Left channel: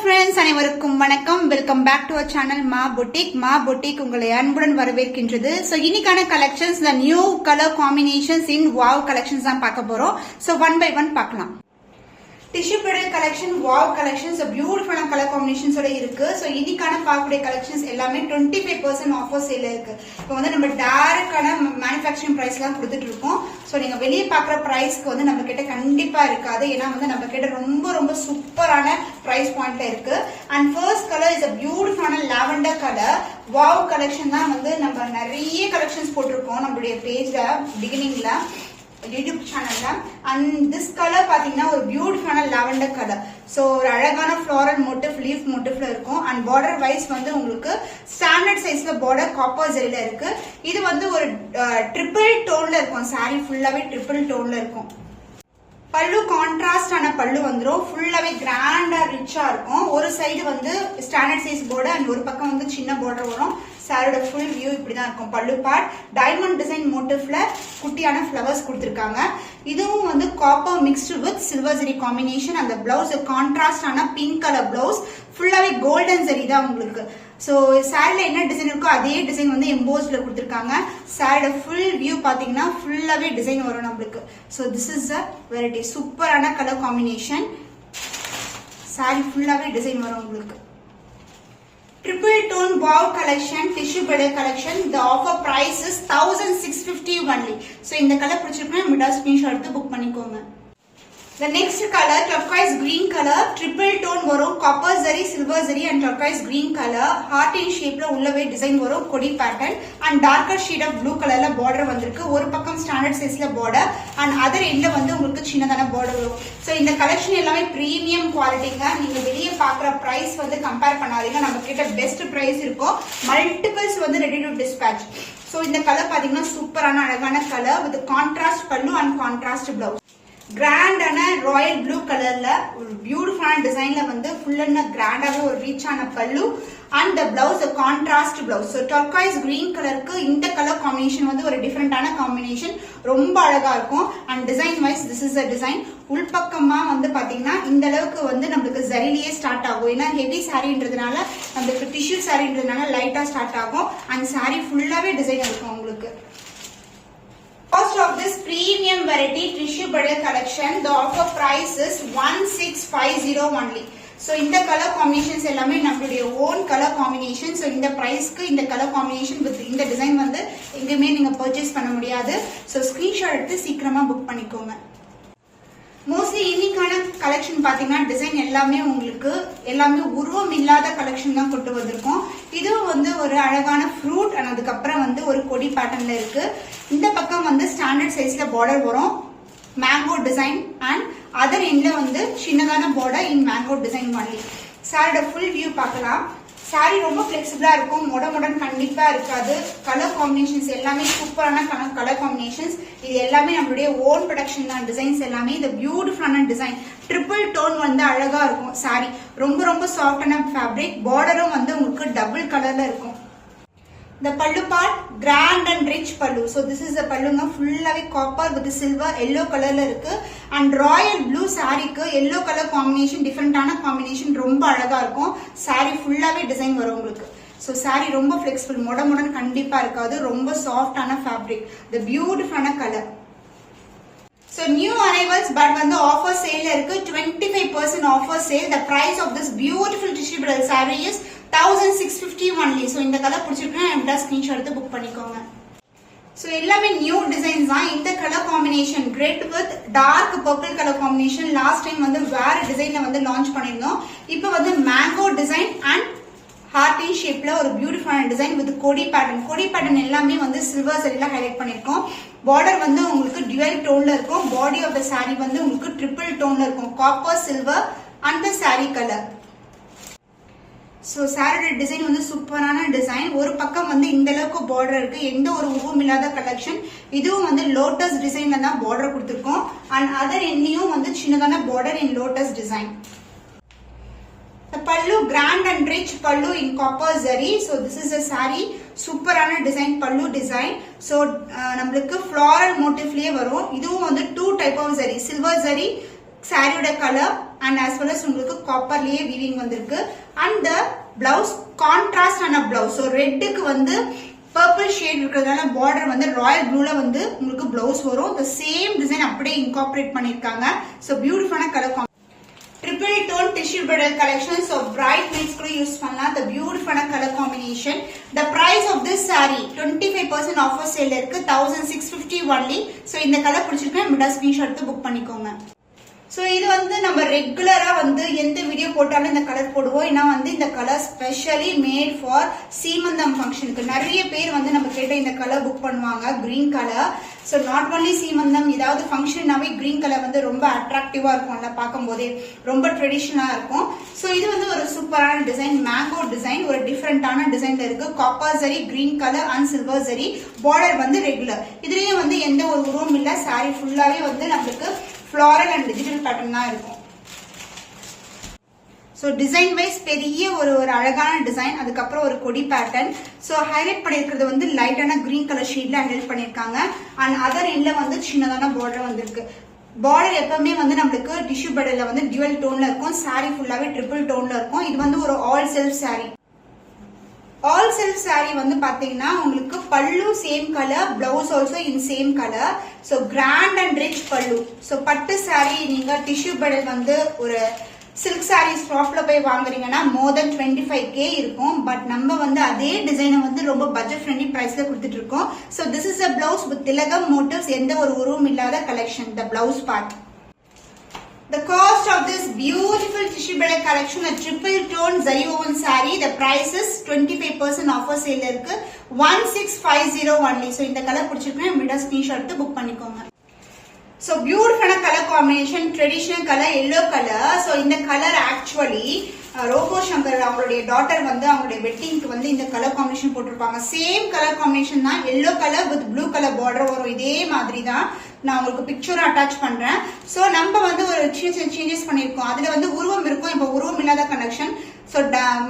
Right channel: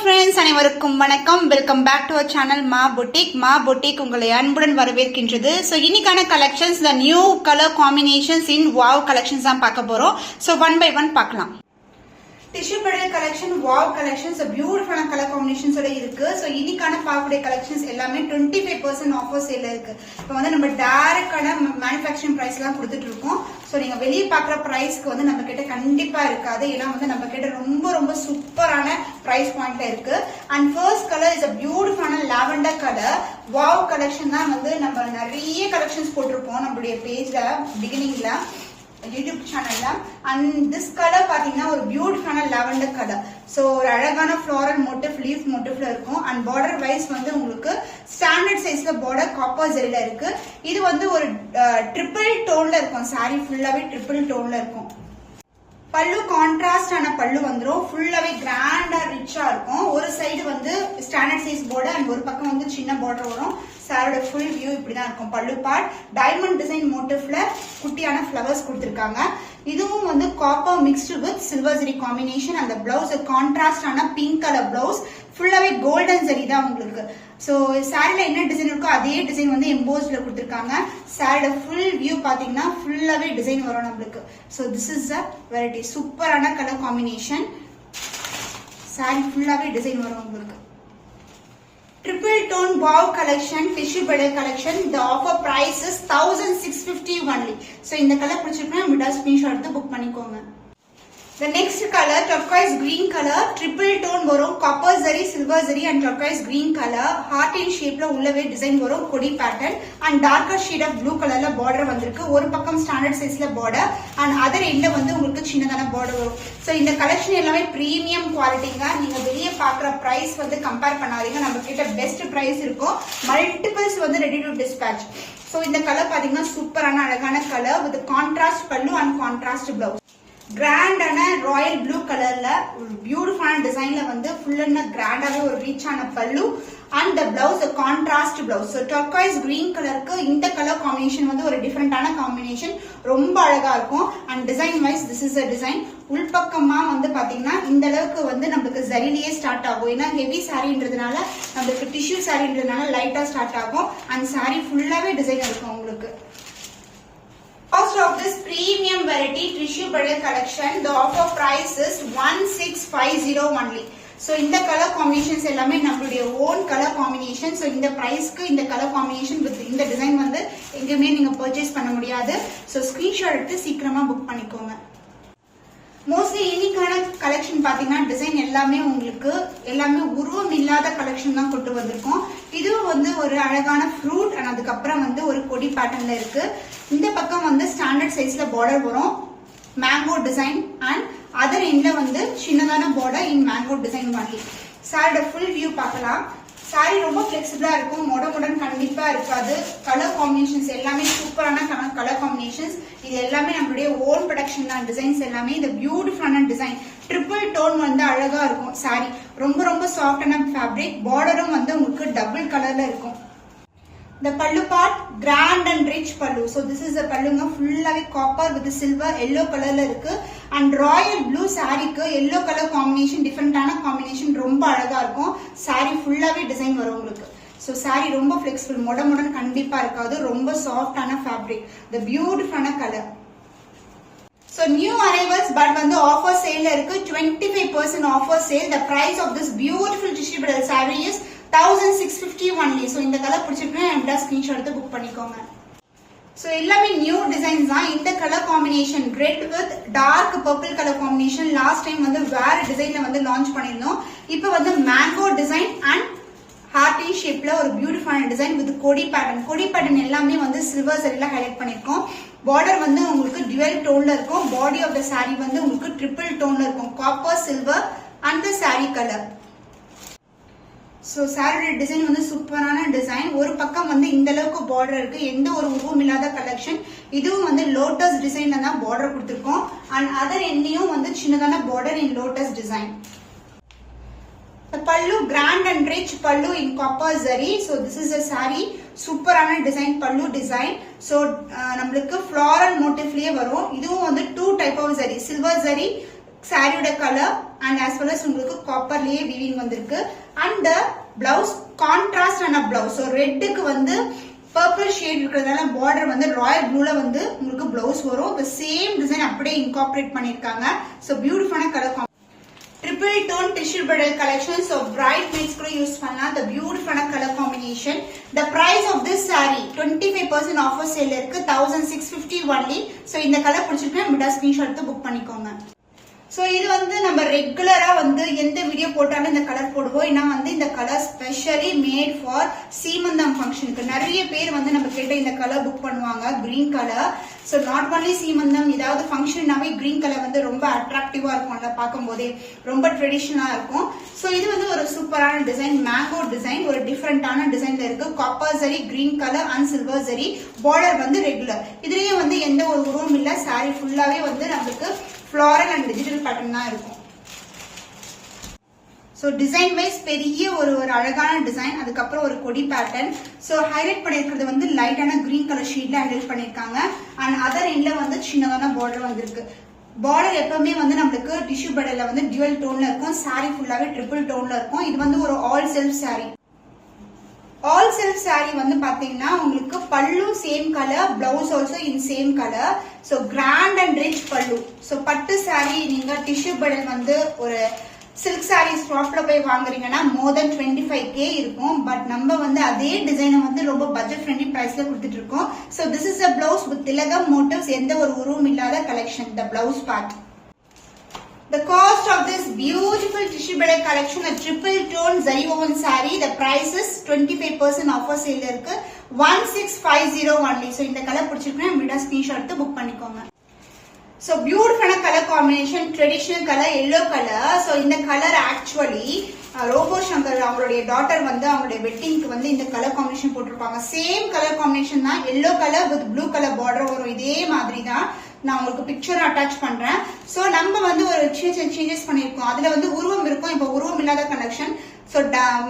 Friends, அனைவருக்கும் வணக்கம். Welcome back to our channel Maa boutique உங்களை அன்புடன் வரவேற்கின்றது. ஸோ இன்னைக்கான collections the new colour combinations in wow collections தான் பார்க்க போறோம். ஸோ ஒன் பை ஒன் பார்க்கலாம். Tissue bridal collection, wow collections, பியூட்டிஃபுல்லான கலர் காம்பினேஷன்ஸோட இருக்கு. ஸோ இன்னைக்கான பார்க்கக்கூடிய கலெக்ஷன்ஸ் எல்லாமே 25% ஆஃபர் சேல் இருக்கு. இப்போ வந்து நம்ம டைரக்டான மேனுஃபேக்சரிங் பிரைஸ் எல்லாம் கொடுத்துட்டு இருக்கோம். ஸோ நீங்க வெளியே பார்க்குற பிரைஸ்க்கு வந்து நம்ம கிட்ட கண்டிப்பா இருக்காது. ஏன்னா வந்து நம்ம கிட்ட ரொம்ப ரொம்ப சூப்பரான பிரைஸ் பாயிண்ட்ல இருக்கு. And first colour is a பியூட்டிஃபுல்லான லாவெண்டர் கலர். வாவ் கலெக்ஷன் தான் வந்து நம்ம நிறைய கலெக்ஷன்ஸ் போட்டிருப்போம் நம்மளுடைய பேஜ்ல பிகினிங்ல யூடியூப் சேனல்ல. அண்ட் திஸ் கலர் பாத்தீங்கன்னா ஒரு பியூட்டிஃபுல்லான லாவெண்டர் கலர். சோ ஒரு அழகான ஃப்ளோரல் மோட்டிவ், லீஃப் மோட்டிவ்ல இருக்கும். அண்ட் பார்டர் வைஸ் வந்து உங்களுக்கு ஸ்டாண்டர்ட் சைஸ்ல பார்டர் காப்பர் ஜெரில இருக்கு. இது வந்து ஒரு ட்ரிபிள் டோன்ல இருக்கும். சாரி ஃபுல்லாவே ட்ரிபிள் டோன்ல இருக்கும். பல்லு கான்ட்ராஸ்டான பல்லு வந்துடும். ஃபுல்லாவே கிராண்டா ரிச்சா இருக்கும். ஒரு சைடு வந்து ஸ்டாண்டர்ட் சைஸ் பார்டர் அண்ட் ஒரு பக்கம் வந்து சின்ன பார்டர் வரும். சாரியோட ஃபுல் வியூ இப்படிதான் இருக்கும். பல்லு பார்ட் டைமண்ட் டிசைன் மோட்டிவ்ல குட்டியான ஃபிளவர்ஸ் கொடுத்திருக்காங்க. இதுவும் வந்து copper mixed with silver zari combination. அந்த பிளவுஸ் கான்ட்ராஸ்டான பிங்க் கலர் பிளவுஸ், ஃபுல்லாவே கோல்டன் ஜெரி தான் உங்களுக்கு. சோ சாரில என்ன டிசைன் இருக்கோ அதே டிசைன் வந்து எம்போஸ்ல கொடுத்திருக்காங்க. சாரியோட ஃபுல் வியூ பாத்தீங்கன்னா ஃபுல்லாவே டிசைன் வரும் நம்மளுக்கு. So this is a variety சூப்பரான கலர் காம்பினேஷன். சாரி ஃபுல்லாவே டிசைன் வரும் உங்களுக்கு. Triple tone wow collection, tissue bridal collection. The offer price is 1650 only. So இந்த கலர் பிடிச்சிருக்குன்னா நம்மளோட ஸ்கிரீன்ஷாட் எடுத்து புக் பண்ணிக்கோங்க. The next color turquoise green color, triple tone வரும். copper zari, silver zari and turquoise green color. heart in shape ல உள்ளவே design வரும். கொடி pattern and darker shade of blue colorல border வந்திருக்கு. ஒரு பக்கம் ஸ்டாண்டர்ட் சைஸ்ல border and other endல வந்து உங்களுக்கு சின்னதான border வரும். சோ இந்த கலெக்ஷன் எல்லாமே பிரீமியம் குவாலிட்டிங்க. நீங்க வெளியே பாக்குற பிரைஸ் வந்து கம்பேர் பண்ணாதீங்க. நம்ம கிட்ட பெஸ்ட் பிரைஸ் இருக்கும். மல்டிபிள்ஸ் வந்து ரெடி டு டிஸ்பேட்ச். சோ இந்த கலர் பாத்தீங்கன்னா சூப்பரான அழகான கலர் வித் கான்ட்ராஸ்ட் பல்லு அண்ட் கான்ட்ராஸ்ட் பிளவுஸ். கிராண்டான ராயல் ப்ளூ கலர்ல ஒரு பியூட்டிஃபுல்லான டிசைன்ல வந்து ஃபுல் அண்ட் கிராண்டாவே ஒரு ரிச்சான பல்லு and the blouse contrast blouse. So turquoise green கலருக்கு இந்த கலர் காம்பினேஷன் வந்து ஒரு டிஃபரெண்டான காம்பினேஷன், ரொம்ப அழகா இருக்கும். And design wise this is a design. உள்பக்கமா வந்து பாத்தீங்கன்னா இந்த அளவுக்கு வந்து நம்மளுக்கு ஜரிலேயே ஸ்டார்ட் ஆகும். ஏன்னா ஹெவி சாரின்றதுனால நம்மளுக்கு டிஷ்யூ சாரின்றதுனால லைட்டா ஸ்டார்ட் ஆகும். அண்ட் சாரி ஃபுல்லாவே டிசைன் இருக்கும் உங்களுக்கு. Cost of this premium variety tissue bridal collection, the offer price is 1650 only. So இந்த கலர் காம்பினேஷன்ஸ் எல்லாமே நம்மளுடைய ஓன் கலர் காம்பினேஷன். ஸோ இந்த பிரைஸ்க்கு இந்த கலர் காம்பினேஷன் வித் இந்த டிசைன் வந்து எங்கேயுமே நீங்க பர்ச்சேஸ் பண்ண முடியாது. ஸோ ஸ்கிரீன்ஷாட் எடுத்து சீக்கிரமா புக் பண்ணிக்கோங்க. மோஸ்ட்லி இன்னைக்கான கலெக்ஷன் பாத்தீங்கன்னா டிசைன் எல்லாமே உங்களுக்கு எல்லாமே உருவம் இல்லாத கலெக்ஷன் தான் கொண்டு வந்திருக்கோம். இதுவும் வந்து ஒரு அழகான ஃப்ரூட் அண்ட் அதுக்கப்புறம் வந்து ஒரு கொடி பேட்டர்ன்ல இருக்கு. இந்த பக்கம் வந்து ஸ்டாண்டர்ட் சைஸ்ல பார்டர் வரும், மேங்கோ டிசைன் அண்ட் அதர் எண்ட்ல வந்து சின்னதான பார்டர் இன் மேங்கோ டிசைன் மாதிரி. சாரியோட ஃபுல் வியூ பார்க்கலாம். சாரி ரொம்ப பிளெக்சிபிளா இருக்கும். மொடன் கண்டிப்பா இருக்காது. கலர் காம்பினேஷன்ஸ் எல்லாமே சூப்பரான கலர் காம்பினேஷன்ஸ். இது எல்லாமே நம்மளுடைய ஓன் ப்ரொடக்ஷன் தான். டிசைன்ஸ் எல்லாமே இந்த பியூட்டிஃபுல்லான டிசைன் ட்ரிபிள் டோன் வந்து அழகா இருக்கும். சாரி ரொம்ப ரொம்ப சாஃப்டான ஃபேப்ரிக். பார்டரும் வந்து உங்களுக்கு டபுள் கலர்ல இருக்கும். The pallu part grand and rich pallu. So this is the pallu ஃபுல்லாவே காப்பர் வித் சில்வர் yellow கலர்ல இருக்கு. அண்ட் ராயல் ப்ளூ சாரிக்கு yellow கலர் காம்பினேஷன் டிஃபரெண்டான காம்பினேஷன், ரொம்ப அழகா இருக்கும். சாரி ஃபுல்லாவே டிசைன் வரும் உங்களுக்கு. சோ சாரி ரொம்ப பிளெக்சிபிள், மொடன் கண்டிப்பா இருக்காது. ரொம்ப சாஃப்டான ஃபேப்ரிக், the பியூட்டிஃபுல்லான colour. So new arrivals but வந்து offer sale இருக்கு. 25% offer sale. The price of this beautiful tissue bridal saree is 1650 only. So இந்த கலர் பிடிச்சிருக்குன்னா என்னோட ஸ்கிரீன்ஷாட் எடுத்து புக் பண்ணிக்கோங்க. சோ எல்லாமே நியூ டிசைன்ஸ் தான். இந்த colour combination red with dark purple colour combination last time வந்து வேற டிசைன்ல வந்து லான்ச் பண்ணிருந்தோம். இப்போ வந்து மேங்கோ டிசைன் அண்ட் ஹார்டி ஷேப்ல ஒரு பியூட்டிஃபுல்லான டிசைன் வித் கொடி பேட்டர்ன். கொடி பேட்டர்ன் எல்லாமே வந்து சில்வர் சரியில ஹைலைட் பண்ணிருக்கோம். பார்டர் வந்து உங்களுக்கு டியூவல் டோன்ல இருக்கும். பாடி ஆஃப் த சாரி வந்து உங்களுக்கு ட்ரிபிள் டோன்ல இருக்கும். Copper silver and the sorry colour. So சாரியோட டிசைன் வந்து சூப்பரான டிசைன். ஒரு பக்கம் வந்து இந்த அளவுக்கு பார்டர் இருக்கு. எந்த ஒரு உருவம் இல்லாத கலெக்ஷன். இதுவும் வந்து லோட்டஸ் டிசைன்ல தான் பார்டர் கொடுத்திருக்கோம். அண்ட் அதர் எண்ணியும் வந்து சின்னதான border in lotus design. The pallu grand and rich pallu in copper zari. So this is a saree. சூப்பரான டிசைன் pallu design. So நம்மளுக்கு floral motifலயே வரும். இதுவும் வந்து 2 type of zari. Silver zari சாரியோட colour and as well as உங்களுக்கு காப்பர்லயே weaving வந்திருக்கு. And blouse contrast ஆன blouse. So ரெட்டுக்கு வந்து பர்பிள் ஷேட் இருக்கிறதுனால பார்டர் வந்து ராயல் ப்ளூல வந்து உங்களுக்கு பிளவுஸ் வரும். the சேம் டிசைன் அப்படியே இன்கார்பரேட் பண்ணிருக்காங்க. ஸோ பியூட்டிஃபுல்லான colour triple tone tissue bridal collection. So bright beads கூட யூஸ் பண்ணலாம். the beautiful color combination. the price of this saree 25% offer sale இருக்கு. 1650 only. so இந்த கலர் பிடிச்சிருக்கா மிடா ஸ்கிரீன்ஷாட் எடுத்து புக் பண்ணிக்கோங்க. சோ இது வந்து நம்ம ரெகுலரா வந்து எந்த வீடியோ போட்டாலும் இந்த கலர் போடுவோம். ஏன்னா வந்து இந்த கலர் ஸ்பெஷலி மேட் ஃபார் சீமந்தம் ஃபங்க்ஷனுக்கு. நிறைய பேர் வந்து நம்ம கிட்ட இந்த கலர் புக் பண்ணுவாங்க, green colour. So not only சீமந்தம், ஏதாவது ஃபங்க்ஷன்னாவே கிரீன் கலர் வந்து ரொம்ப அட்ராக்டிவா இருக்கும்ல, பார்க்கும் போதே ரொம்ப ட்ரெடிஷனலா இருக்கும். சோ இது வந்து ஒரு சூப்பரான டிசைன், மேங்கோ டிசைன், ஒரு டிஃபரெண்டான டிசைன்ல இருக்கு. Copper zari, green colour and silver zari. Border வந்து ரெகுலர். இதுலயும் வந்து எந்த ஒரு உருவம் இல்ல. சாரி ஃபுல்லாவே வந்து நம்மளுக்கு ஃப்ளாரல் அண்ட் டிஜிட்டல் பேட்டர்ன் தான் இருக்கும். சோ டிசைன் வைஸ் பெரிய ஒரு அழகான டிசைன். அதுக்கப்புறம் ஒரு கொடி பேட்டர்ன். சோ ஹைலைட் பண்ணிருக்கிறது வந்து லைட்டான கிரீன் கலர் ஷீட்ல ஹைலைட் பண்ணிருக்காங்க. அண்ட் அதர் எண்ட்ல வந்து சின்னதான பார்டர் வந்திருக்கு. பார்டர் எப்பவுமே வந்து நம்மளுக்கு டிஷ்யூ பார்டர்ல வந்து டியூவல் டோன்ல இருக்கும். சாரி ஃபுல்லாவே ட்ரிபிள் டோன்ல இருக்கும். இது வந்து ஒரு all self sari. All self sari வந்து பாத்தீங்கன்னா உங்களுக்கு pallu same colour, blouse also in same colour. So grand and rich pallu. So பட்டு சாரி நீங்க டிஷ்யூ படல் வந்து ஒரு சில்க் சாரி ஷாப்ல போய் வாங்குறீங்கன்னா மோர் தென் 25K இருக்கும். பட் நம்ம வந்து அதே டிசைனை வந்து ரொம்ப பட்ஜெட் ஃப்ரெண்ட்லி பிரைஸ்ல கொடுத்துட்டு இருக்கோம். So this is a blouse with திலகம் மோட்டிவ்ஸ். எந்த ஒரு உருவம் இல்லாத collection. the blouse part. The cost of this beautiful tissue bridal collection, a triple tone zari woven saree, the price is 25% offer sale இருக்கு. 1650 only. So இந்த colour பிடிச்சிருக்கா மீடா screenshot எடுத்து book பண்ணிக்கோங்க. So beautiful color combination, traditional color, yellow color. So இந்த colour actually robot Shankar அவங்களுடைய daughter வந்து அவங்களுடைய வெட்டிங்க்கு வந்து இந்த கலர் காம்பினேஷன் போட்டிருப்பாங்க. சேம் கலர் காம்பினேஷன் தான். Yellow colour with blue colour border வரும். இதே மாதிரி தான் நான் உங்களுக்கு பிக்சர் அட்டாச் பண்றேன். சோ நம்ம வந்து ஒரு சேஞ்சஸ் பண்ணிருக்கோம். அதுல வந்து உருவம் இருக்கும், இப்ப உருவம் இல்லாத கலெக்ஷன். சோ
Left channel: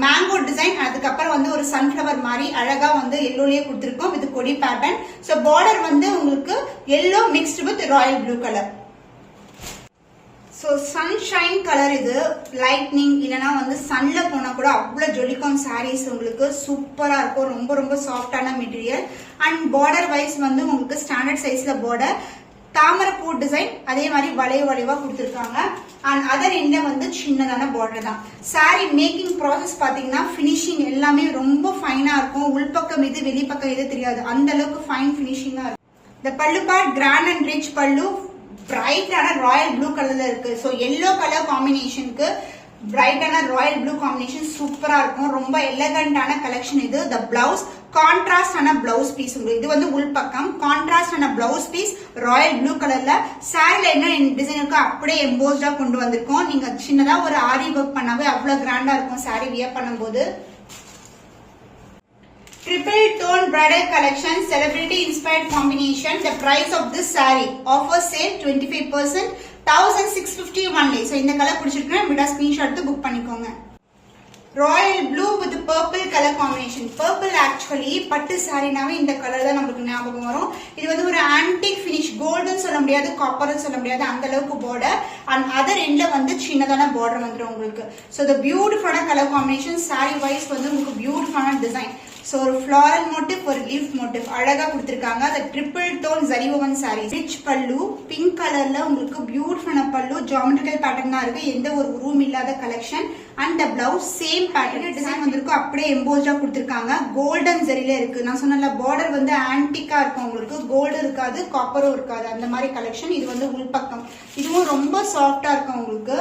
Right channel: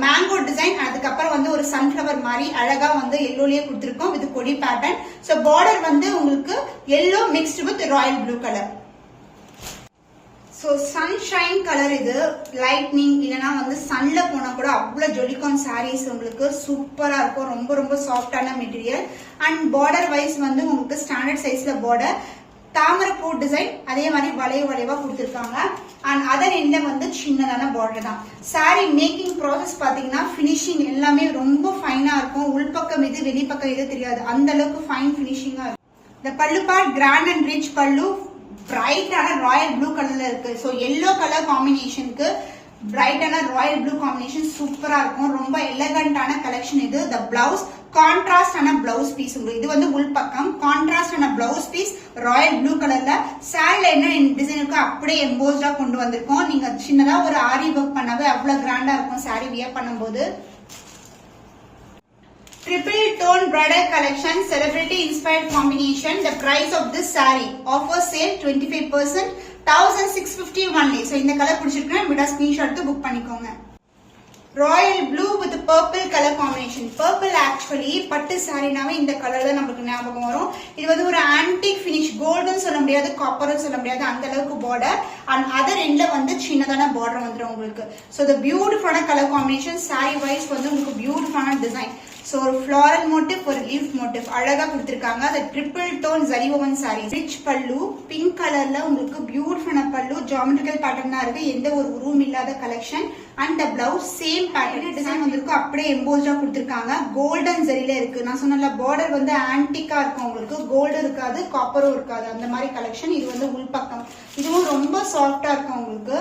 மேங்கோ டிசைன், அதுக்கப்புறம் வந்து ஒரு சன்ஃபிளவர் மாதிரி அழகா வந்து எல்லோலயே கொடுத்திருக்கோம் வித் கொடி பேட்டர்ன். சோ பார்டர் வந்து உங்களுக்கு yellow mixed with Royal blue colour. So sunshine colour. இது லைட்னிங் இல்லனா வந்து சன்ல போனா கூட அவ்வளவு ஜொலிக்கும் சாரீஸ். உங்களுக்கு சூப்பரா இருக்கும். ரொம்ப ரொம்ப சாஃப்டான மெட்டீரியல். அண்ட் பார்டர் வைஸ் வந்து உங்களுக்கு ஸ்டாண்டர்ட் சைஸ்ல பார்டர், தாமரைப்பூ டிசைன், அதே மாதிரி வளைவா கொடுத்திருக்காங்க. அண்ட் அதர் எண்ட்ல வந்து சின்னதான பார்டர் தான். சாரி மேக்கிங் ப்ராசஸ் பாத்தீங்கன்னா பினிஷிங் எல்லாமே ரொம்ப ஃபைனா இருக்கும். உள்பக்கம் இது வெளிப்பக்கம் இது தெரியாது, அந்த அளவுக்கு ஃபைன் பினிஷிங்கா இருக்கும். இந்த பல்லு பார்ட் கிராண்ட் அண்ட் ரிச் பல்லு, பிரைட்டான ராயல் ப்ளூ கலர்ல இருக்கு. சோ எல்லோ கலர் காம்பினேஷனுக்கு பிரைட்டான ராயல் ப்ளூ காம்பினேஷன் சூப்பரா இருக்கும். ரொம்ப எலகண்டான கலெக்ஷன் இது. த பிளவுஸ் கான்ட்ராஸ்ட் ஆன பிளவுஸ் பீஸ். இது வந்து உள்பக்கம் கான்ட்ராஸ்ட் ஆன பிளவுஸ் பீஸ் ராயல் ப்ளூ கலர்ல. சாரில என்ன டிசைன் இருக்கோ அப்படியே எம்போஸ்டா கொண்டு வந்திருக்கோம். நீங்க சின்னதா ஒரு ஆரி ஒர்க் பண்ணாவே அவ்வளவு கிராண்டா இருக்கும் சாரி வியர் பண்ணும்போது. Triple tone bridal collection, celebrity inspired combination. The price of this saree offer sale 25%, 1650 only. So இந்த கலர் பிடிச்சிருக்கா விடா ஸ்கிரீன்ஷாட் எடுத்து புக் பண்ணிக்கோங்க. Royal blue with purple colour combination. Purple actually பட்டு சாரினாவே இந்த கலர் தான் நமக்கு ஞாபகம் வரும். இது வந்து ஒரு ஆன்டிக் பினிஷ், கோல்டன் சொல்ல முடியாது, காப்பர் சொல்ல முடியாது, அந்த அளவுக்கு பார்டர். அண்ட் அதர் எண்ட்ல வந்து சின்னதான பார்டர் வந்துடும் உங்களுக்கு. சோ த பியூட்டிஃபுல்லான கலர் காம்பினேஷன். சாரி வைஸ் வந்து உங்களுக்கு பியூட்டிஃபுல்லான டிசைன். சோ ஒரு ஃபிளாரல் மோட்டிவ், ஒரு லீஃப் மோட்டிவ் அழகா கொடுத்திருக்காங்க. அந்த triple tone zari woven sari. Rich pallu, pink கலர்ல உங்களுக்கு பியூட்டிஃபுல்லான பல்லு, ஜியோமெட்ரிக்கல் பேட்டர்ன் தான் இருக்கு. எந்த ஒரு உருவம் இல்லாத collection. And blouse same pattern design வந்திருக்கும். அப்படியே எம்போஸ்டா கொடுத்திருக்காங்க. கோல்டன் ஜரியில இருக்கு. நான் சொன்ன பார்டர் வந்து ஆன்டிக்கா இருக்கும். உங்களுக்கு கோல்டும் இருக்காது, காப்பரும் இருக்காது, அந்த மாதிரி கலெக்ஷன். இது வந்து உள்பக்கம். இதுவும் ரொம்ப சாஃப்டா இருக்கும் உங்களுக்கு.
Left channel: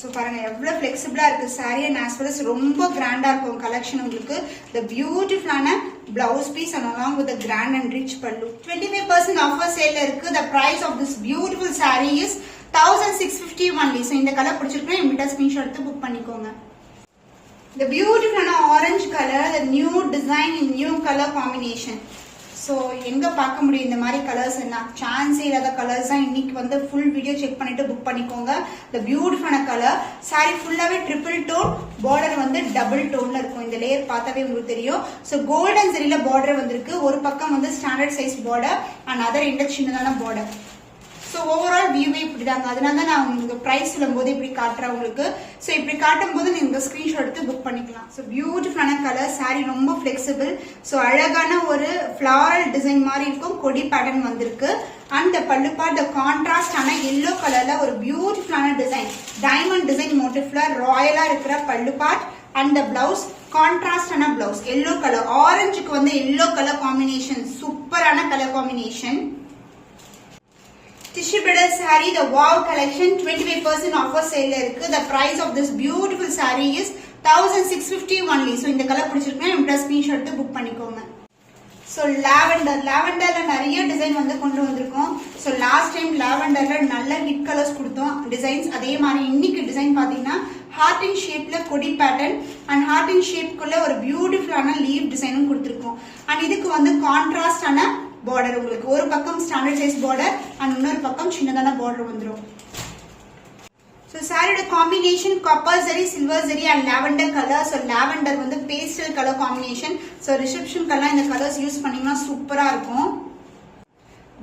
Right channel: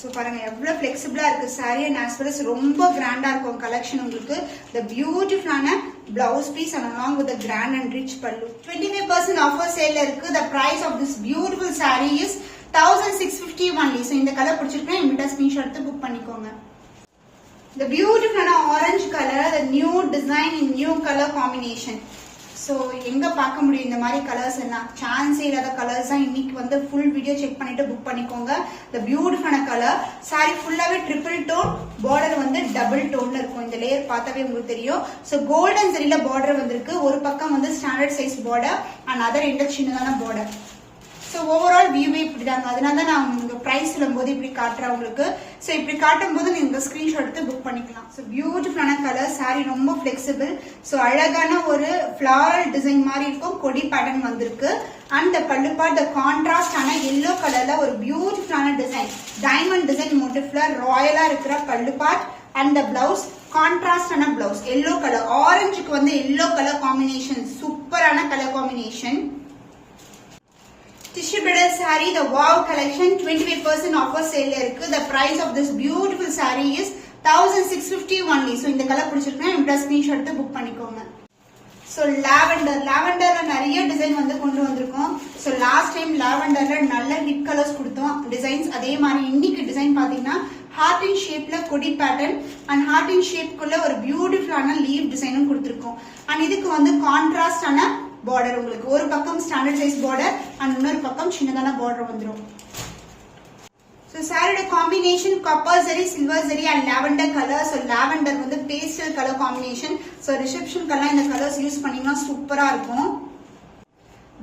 சோ பாருங்க எவ்வளவு பிளெக்சிபிளா இருக்கு sorry. And as well as ரொம்ப கிராண்டா இருக்கும் கலெக்ஷன் உங்களுக்கு. the பியூட்டிஃபுல்லான blouse piece and along with the grand and rich pallu. 25% offer sale இருக்கு. the price of this beautiful saree is 1650 only. so இந்த கலர் பிடிச்சிருக்கா இமிட்டா ஸ்கிரீன்ஷாட் எடுத்து புக் பண்ணிக்கோங்க. the beautiful orange color, the new design in new color combination. So எங்க பார்க்க முடியும் இந்த மாதிரி கலர்ஸ்? என்ன சான்ஸே இல்லாத கலர்ஸ் தான். இன்னைக்கு வந்து ஃபுல் வீடியோ செக் பண்ணிட்டு புக் பண்ணிக்கோங்க. the beautiful colour. சாரி ஃபுல்லாவே ட்ரிபிள் டோன், பார்டர் வந்து டபுள் டோன்ல இருக்கும். இந்த லேயர் பார்த்தாவே உங்களுக்கு தெரியும். சோ கோல்டன் ஜரியில பார்டர் வந்திருக்கு. ஒரு பக்கம் வந்து standard size border and other எண்ட்ல சின்னதான பார்டர். ஸோ ஓவரால் வியூவே இப்படிதாங்க. அதனால தான் நான் உங்களுக்கு பிரைஸ் சொல்லும்போது இப்படி காட்டுறேன் உங்களுக்கு. ஸோ இப்படி காட்டும் போது நீங்க ஸ்கிரீன்ஷாட் எடுத்து புக் பண்ணிக்கலாம். ஸோ பியூட்டிஃபுல்லான கலர், சாரி ரொம்ப பிளெக்சிபிள். ஸோ அழகான ஒரு ஃபிளாரல் டிசைன் மாதிரி இருக்கும், கொடி பேட்டர்ன் வந்திருக்கு. And pallu part the contrast ஆன எல்லோ கலர்ல ஒரு பியூட்டிஃபுல்லான டிசைன், டைமண்ட் டிசைன் மோட்டிவ்ல ராயலா இருக்கிற pallu part. And the blouse கான்ட்ராஸ்டான பிளவுஸ், எல்லோ கலர், ஆரஞ்சுக்கு வந்து எல்லோ கலர் காம்பினேஷன், சூப்பரான colour combination. Tissue bridal saree, the wow collection, 25% offer sale இருக்கு. The price of this beautiful saree is 1650 only. So இந்த colour பிடிச்சிருக்கேன், இந்த ஸ்கிரீன்ஷாட் எடுத்து book பண்ணிக்கோங்க. So லாவெண்டர்ல நிறைய டிசைன் வந்து கொண்டு வந்திருக்கோம். So லாஸ்ட் டைம் லாவெண்டர்ல நல்ல ஹிட் கலர்ஸ் கொடுத்தோம் டிசைன்ஸ். அதே மாதிரி இன்னைக்கு டிசைன் பாத்தீங்கன்னா ஹார்ட் இன் ஷேப்ல கொடி பேட்டர்ன் அண்ட் ஹார்ட் இன் ஷேப்க்குள்ள ஒரு பியூட்டிஃபுல்லான லீவ் டிசைனும் கொடுத்திருக்கோம். அண்ட் இதுக்கு வந்து கான்ட்ராஸ்டான பார்டர், உங்களுக்கு ஒரு பக்கம் ஸ்டாண்டர்ட் சைஸ் பார்டர் அண்ட் இன்னொரு பக்கம் சின்னதான பார்டர் வந்துடும். ஸோ சாரியோட combination copper zari, silver zari and lavender colour. So lavender வந்து பேஸ்டல் கலர் காம்பினேஷன். ஸோ ரிசப்ஷனுக்கெல்லாம் இந்த கலர்ஸ் யூஸ் பண்ணீங்கன்னா சூப்பரா இருக்கும்.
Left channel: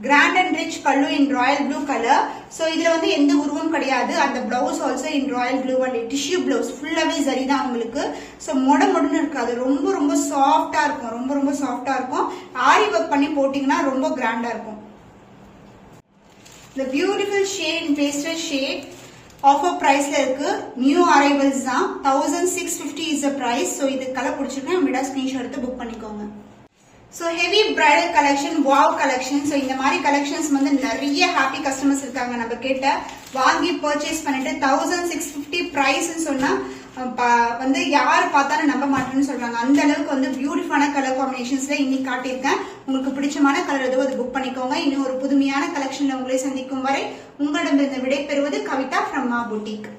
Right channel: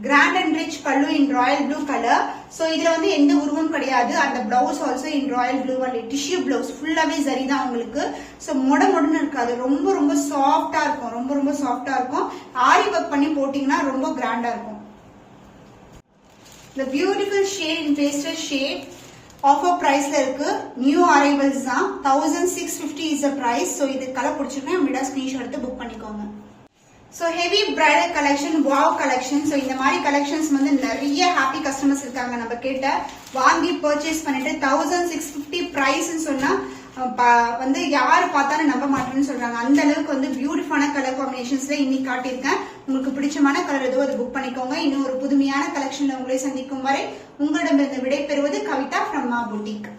கிராண்ட் அண்ட் ரிச் பல்லு இன் ராயல் ப்ளூ கலர். சோ இதுல வந்து எந்த உருவம் கிடையாது. அந்த blouse also in Royal blue and tissue blouse, ஃபுல்லாவே சரி தான் உங்களுக்கு. சோ மொடன்னு இருக்காது, ரொம்ப ரொம்ப சாஃப்டா இருக்கும், ரொம்ப ரொம்ப சாஃப்டா இருக்கும். ஆரி ஒர்க் பண்ணி போட்டீங்கன்னா ரொம்ப கிராண்டா இருக்கும். The beautiful shade in pastel shade offer பிரைஸ்ல இருக்கு. நியூ அரைவல்ஸ் தான், 1650 is the price. சோ இது கலர் பிடிச்சிருக்கேன், விடா ஸ்கிரீன்ஷாட் எடுத்து புக் பண்ணிக்கோங்க. So heavy bridal collection, wow collection. So இந்த மாதிரி கலெக்ஷன்ஸ் வந்து நிறைய ஹாப்பி கஸ்டமர்ஸ் இருக்காங்க நம்ம கிட்ட. வாங்கி பர்ச்சேஸ் பண்ணிட்டு 1650 பிரைஸ் சொன்னா வந்து யாரு பார்த்தாலும் நம்ப மாட்டேன்னு சொல்றாங்க. அந்த அளவுக்கு வந்து பியூட்டிஃபுல்லான கலர் காம்பினேஷன்ஸ்ல இன்னைக்கு காட்டியிருக்கேன். உங்களுக்கு பிடிச்சமான கலர் எதுவோ அது புக் பண்ணிக்கோங்க. இன்னும் ஒரு புதுமையான கலெக்ஷன்ல உங்களை சந்திக்கும் வரை உங்களிடமிருந்து விடை பெறுவது கவிதா from Ma Boutique.